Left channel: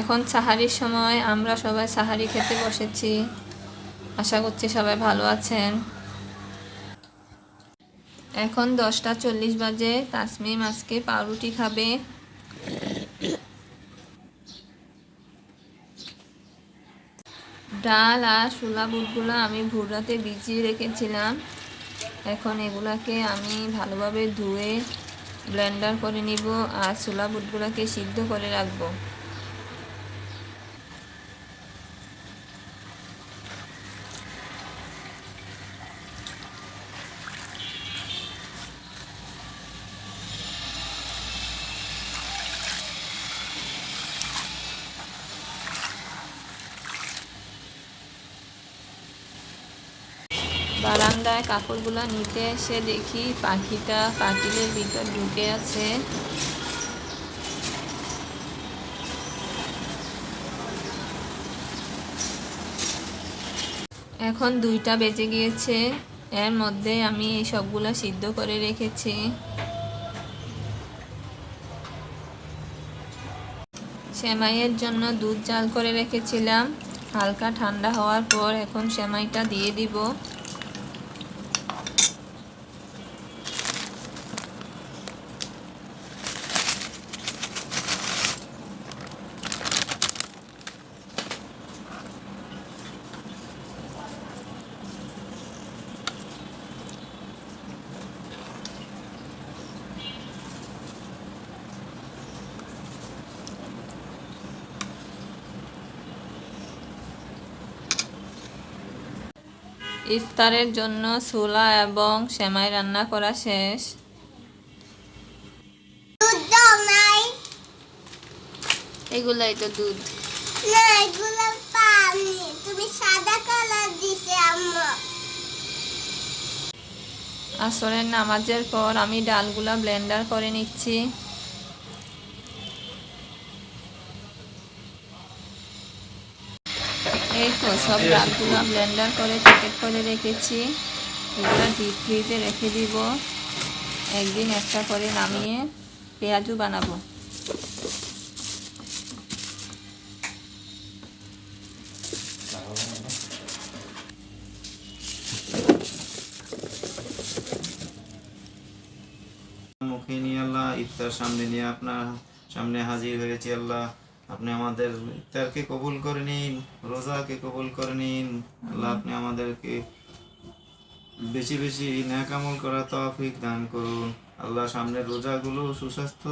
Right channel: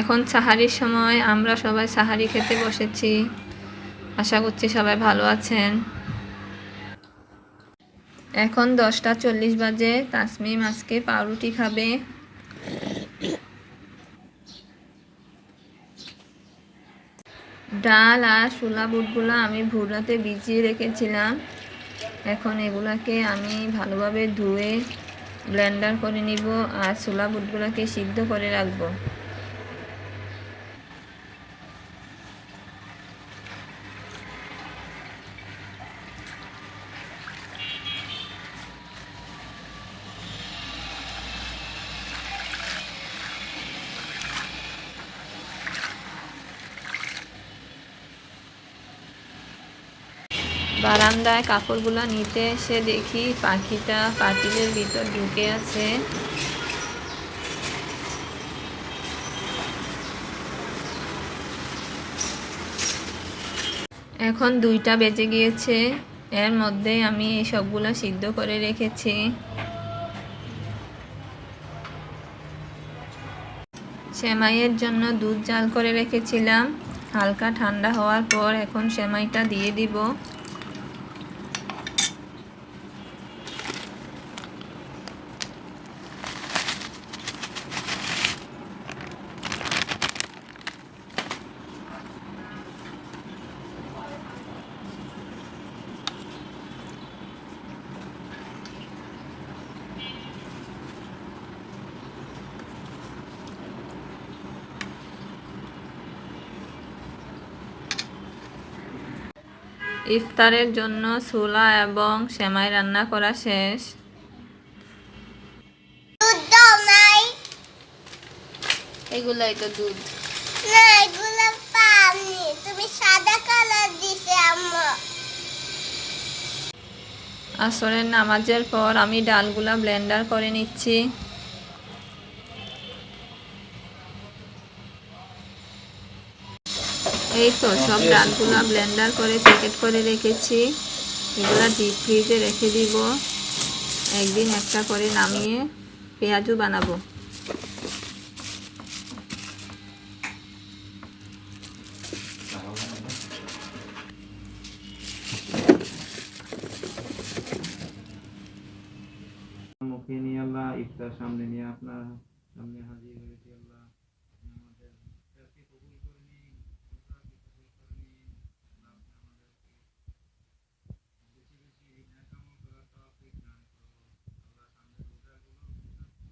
এখন সাহারির সময়, আমরা সবাই সাহারি খেতে বসেছি। আশা করছি সবাই ভালো আছেন। এখন 10টা 40 বাজে। তাসমিম আজকে পাউরুটি খাবে। ডাল আর ছোলা বুটগুলো আমি ভোর রাতে ভিজিয়ে রেখেছিলাম। এখন এগুলাকে আমি ভালোভাবে ধুয়ে ব্লেন্ডার করে নিব আর ছোলা বুটগুলোকে সিদ্ধ করে রাখবো। বারান্দায় কাপড়গুলো নিতে এসে দেখি পাখিটা পাতিলের ভিতর ঢুকে আছে। এখন 2টা বেজে গিয়েছে। এর মধ্যে আমি এই সবগুলো সিদ্ধ করে রেখেছি। সেমাইয়ের জন্য দুধ জাল করে রেখেছিলাম। হালকা ঠান্ডা হওয়ার পর এখন সেমাইটা দিয়ে দিব। ইফতারের জন্য ছোলা এবং সেমাই রান্না করা শেষ। দুধ দাও নাই। এগুলাই তো দুধ না, এগুলো পানি। তুমি সাদা কালার দিছে আম্মা। আসরের নামাজের পর আমি ডালগুলা ব্লেন্ডার করে নিচ্ছি। এই তো সব ডালগুলা ব্লেন্ডার করে প্যাকেট করে রেখেছি। এগুলা ডিপ ফ্রিজে রেখে দিব। একদিন একটা করে নামিয়ে পেঁয়াজু বানাবো। মুখে নিয়ে আল্লাহ ইফতার সামনে নিয়ে আপনার সামনে হাজির হয়েছি আল্লাহ। আপনি আমাদের ইফতারকে কবুল করে নিন, রোজাকে কবুল করে নিন আল্লাহ। আপনি আমাদেরকে বেশি বেশি নেক আমল করা তৌফিক দান করুন আল্লাহ। সামনের রোজাগুলো সুস্বাস্থ্য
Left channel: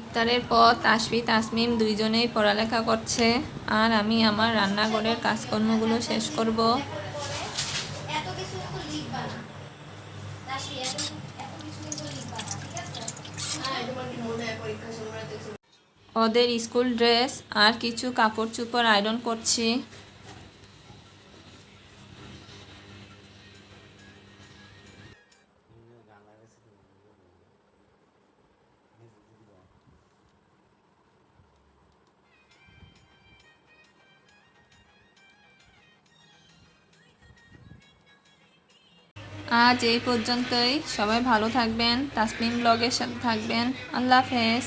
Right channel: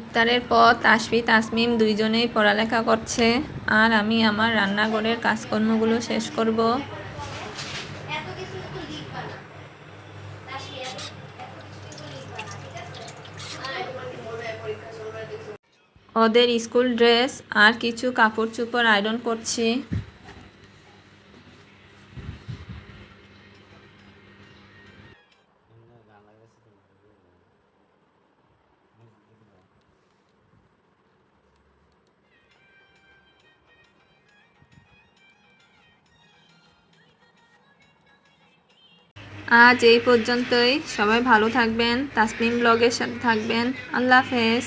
ইফতারের পর তাসফি তাসমিম দুইজনেই পড়ালেখা করছে আর আমি আমার রান্নাঘরের কাজকর্মগুলো শেষ করব। ওদের স্কুল ড্রেস আর কিছু কাপড় চোপড় আয়রন করছি। আজ এই পর্যন্তই। সবাই ভালো থাকবেন, তাসমিম ব্লগের সাথে থাকবেন। আল্লাহ হাফেজ।